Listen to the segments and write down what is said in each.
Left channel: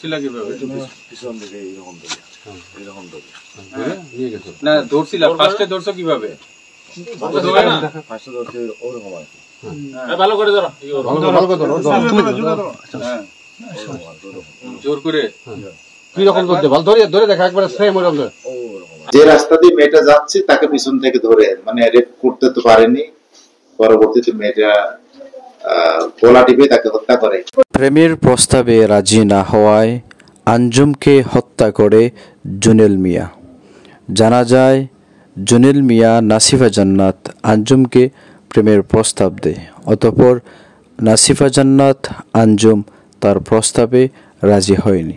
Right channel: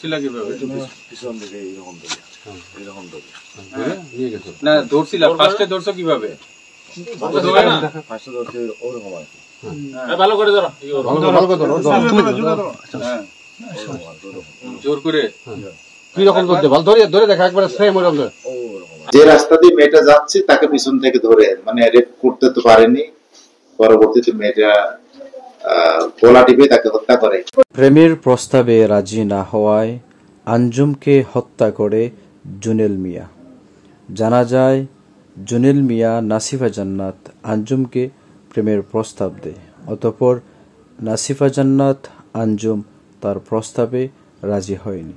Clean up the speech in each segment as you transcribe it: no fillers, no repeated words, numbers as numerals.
ছিলা কিভাবে? পিছন দিকে এরকম ধরে নিয়ে গেছো না? ধরছিলা ফার্স্টে ধরছো কিভাবে? ফার্স্টে ধরছে ওরকম আর কি। ভালো করে ধরো, ভালো করে ধরো। হ্যাঁ জোর করে কি রকম ধরতে ভালো ধরে ধরে দেখা একবার সেম ওরকম ধরে। যে রাস্তা দিয়ে মেয়েটা যাচ্ছে তাকে পিছন থেকে ধরে মানে রেপ করতে তো পারেনি, পরবর্তীতে মেয়েটা গলা টিপে তাকে হত্যা করে। প্রেমের প্রস্তাবে রাজি না হওয়ায় আঞ্জুমকে হত্যা করে জুনেল মিয়া। জানা যায় জুনেল মিয়া নাসিফা জান্নাত আঞ্জুমকে প্রেমের প্রস্তাব দেয়, অতঃপর নাসিফা জান্নাত আঞ্জুম তার প্রস্তাবে রাজি হয়নি।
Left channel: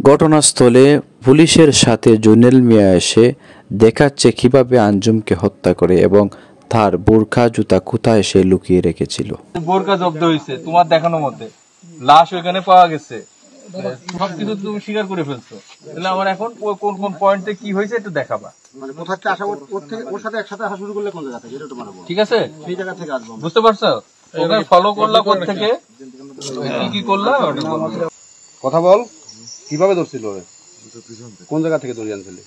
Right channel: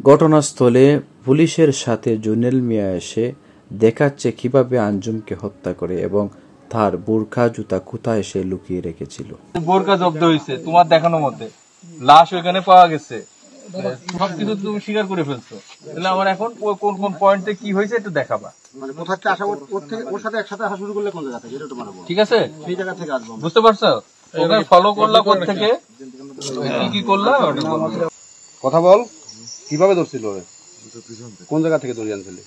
ঘটনাস্থলে পুলিশের সাথে জুনেল মিয়া এসে দেখাচ্ছে কিভাবে আঞ্জুমকে হত্যা করে এবং তার বোরকা জুতা কোথায় সে লুকিয়ে রেখেছিল। বোরকা জব্দ হয়েছে তোমার দেখানোর মধ্যে, লাশ ওইখানে পাওয়া গেছে, সবকিছু তুমি স্বীকার করে ফেলছো। তাহলে আমার এখন কোন কোন পয়েন্টে কি হয়েছে একটু দেখাবা। মানে কোথা থেকে আসা ওর থেকে ওর সাথে একসাথে আসা শুরু করলে কোন জায়গা থেকে এটা তো মানে ঠিক আছে, সেই জায়গা থেকে আসবো। বুঝতে পারছো? ওখানে ফলো করলা কোথা থেকে, কি কি করলা কথা বল, কিভাবে ধরছিল ওরে? কোন জায়গা থেকে ধরে আনছিলি?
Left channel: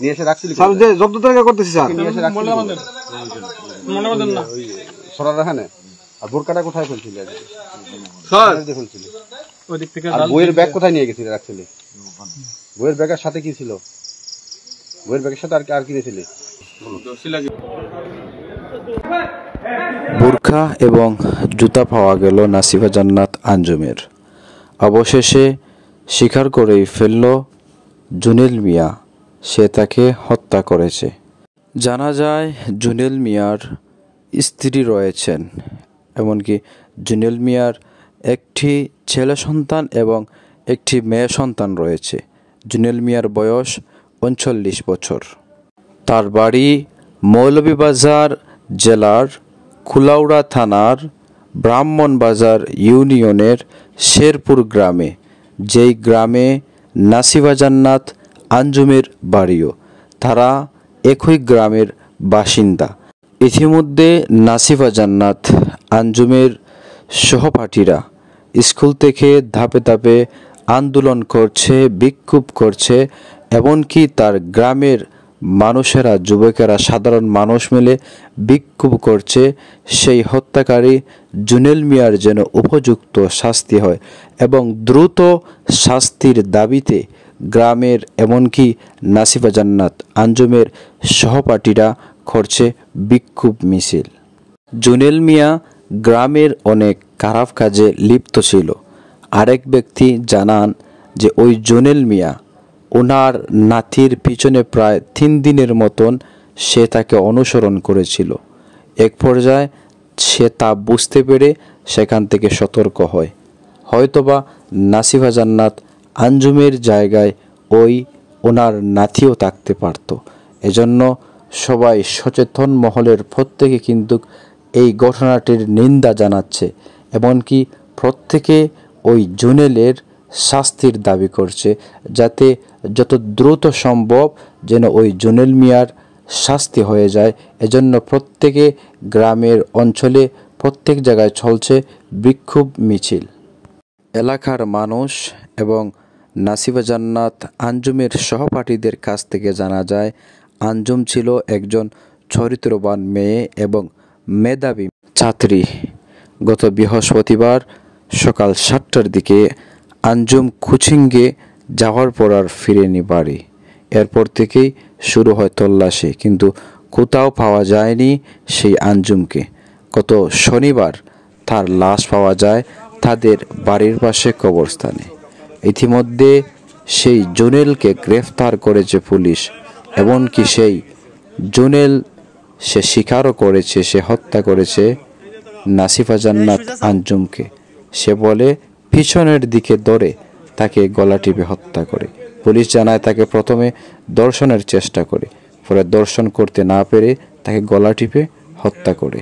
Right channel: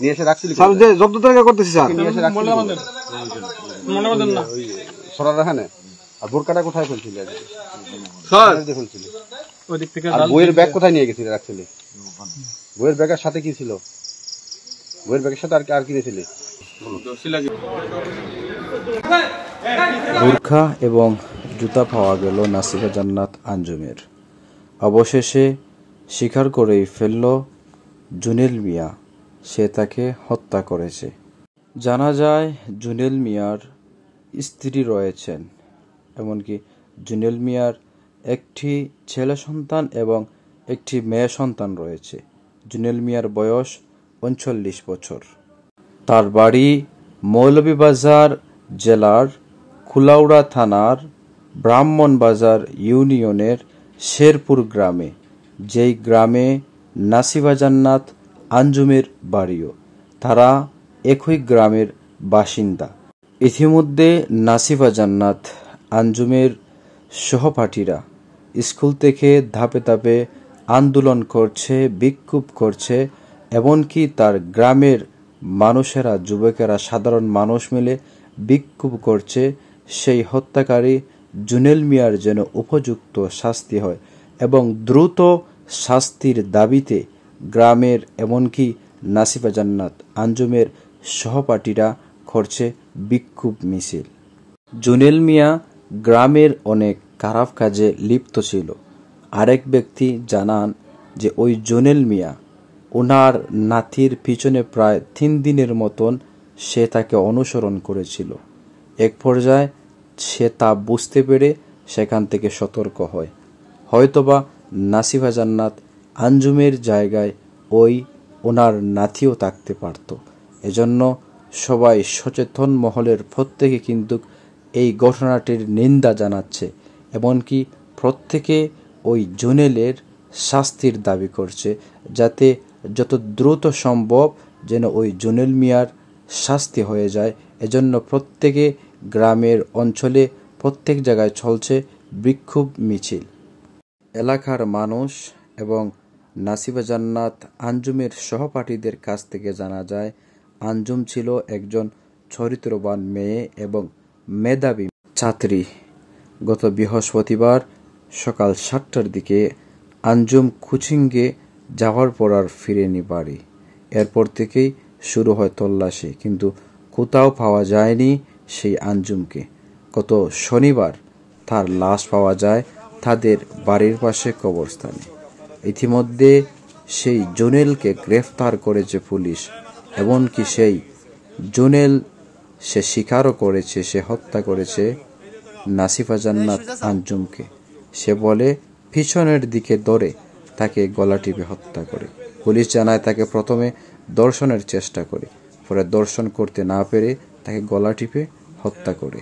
নিয়ে এসে রাখছিলি? জব্দ তরিকা করতেছি স্যার, নিয়ে এসে রাখছিলি সরার রাখানে। আর বোরকাটা কোথায় ফেলছিলি? ফেলছিলি। আর বইয়ের ব্যাগ কোথায় নিয়ে গেছিলি রাখছিলি? বইয়ের ব্যাগের সাথে কি ছিল? বইয়ের ব্যাগের সাথে আর কি নিয়েছিলি? বোরকা এবং জুতা পাওয়া গেল নাসিফা জান্নাত আঞ্জুমের। অবশেষে স্বীকার করেই ফেলল জুনেল মিয়া সে তাকে হত্যা করেছে। জানা যায় জুনেল মিয়ার স্ত্রী রয়েছেন, এমনকি জুনেল মিয়ার একটি ছেলে সন্তান এবং একটি মেয়ে সন্তান রয়েছে। জুনেল মিয়ার বয়স 39 বছর। তার বাড়ি মৌলভীবাজার জেলার কুলাউড়া থানার ব্রাহ্মণবাজার ইউনিয়নের শেরপুর গ্রামে, যেই গ্রামে নাসিফা জান্নাত আঞ্জুমের বাড়িও। তারা একই গ্রামের বাসিন্দা। ইতিমধ্যে নাসিফা জান্নাত আঞ্জুমের সহপাঠীরা স্কুল থেকে ধাপে ধাপে আন্দোলন করছে, বিক্ষোভ করছে, এমনকি তার গ্রামের মানুষেরা, যুবকেরা, সাধারণ মানুষ মিলে বিক্ষোভ করছে সেই হত্যাকারী জুনেল মিয়ার যেন উপযুক্ত শাস্তি হয় এবং দ্রুত শাস্তির দাবিতে গ্রামের এমনকি নাসিফা জান্নাত আঞ্জুমের সহপাঠীরা করছে বিক্ষোভ মিছিল। জুনেল মিয়া গ্রামের অনেক খারাপ কাজে লিপ্ত ছিল। আরেক ব্যক্তি জানান যে ওই জুনেল মিয়া ওনার নাতির পিছনে প্রায় 3 দিনের মতন সে তাকে অনুসরণ করেছিল। এক পর্যায়ে সে তা বুঝতে পেরে সেখান থেকে সতর্ক হয়। হয়তোবা নাসিফা জান্নাত আঞ্জুমের জায়গায় ওনার নাতিও থাকতে পারত। এজন্য সবাই সচেতন মহলের প্রত্যেকে কিন্তু এই ঘটনাটির নিন্দা জানাচ্ছে, এমনকি প্রত্যেকে ওই জুনেলের শাস্তির দাবি করছে, যাতে যত দ্রুত সম্ভব যেন ওই জুনেল মিয়ার শাস্তি হয়ে যায়। এজন্য প্রত্যেকে গ্রামের অঞ্চলে প্রত্যেক জায়গায় চলছে বিক্ষোভ মিছিল। এলাকার মানুষ এবং নাসিফা জান্নাত আঞ্জুমের সহপাঠীদের কাছ থেকে জানা যায় আঞ্জুম ছিল একজন চরিত্রবান মেয়ে এবং মেধাবী ছাত্রী। গত বৃহস্পতিবার সকাল 7টার দিকে আঞ্জুম কোচিংয়ে যাওয়ার পর আর ফিরেনি বাড়ি। এরপর থেকেই শুরু হয় তল্লাশি, কিন্তু কোথাও পাওয়া যায়নি সেই আঞ্জুমকে। গত শনিবার তার লাশ পাওয়া যায় তাদের বাড়ির পাশে কবরস্থানে। ইতিমধ্যে সেই জুনেলকে গ্রেফতার করেছে পুলিশ, এমনকি সেই জুনেল সে স্বীকারও করেছে সে হত্যা করেছে নাসিফা জান্নাত আঞ্জুমকে। সে বলে পিছনের দিকে ধরে তাকে গলা টিপে হত্যা করে। পুলিশ জানায় তাকে প্রথমে দর্শনের চেষ্টা করে, পরে দর্শন করতে না পেরে তাকে গলা টিপে হত্যা করে।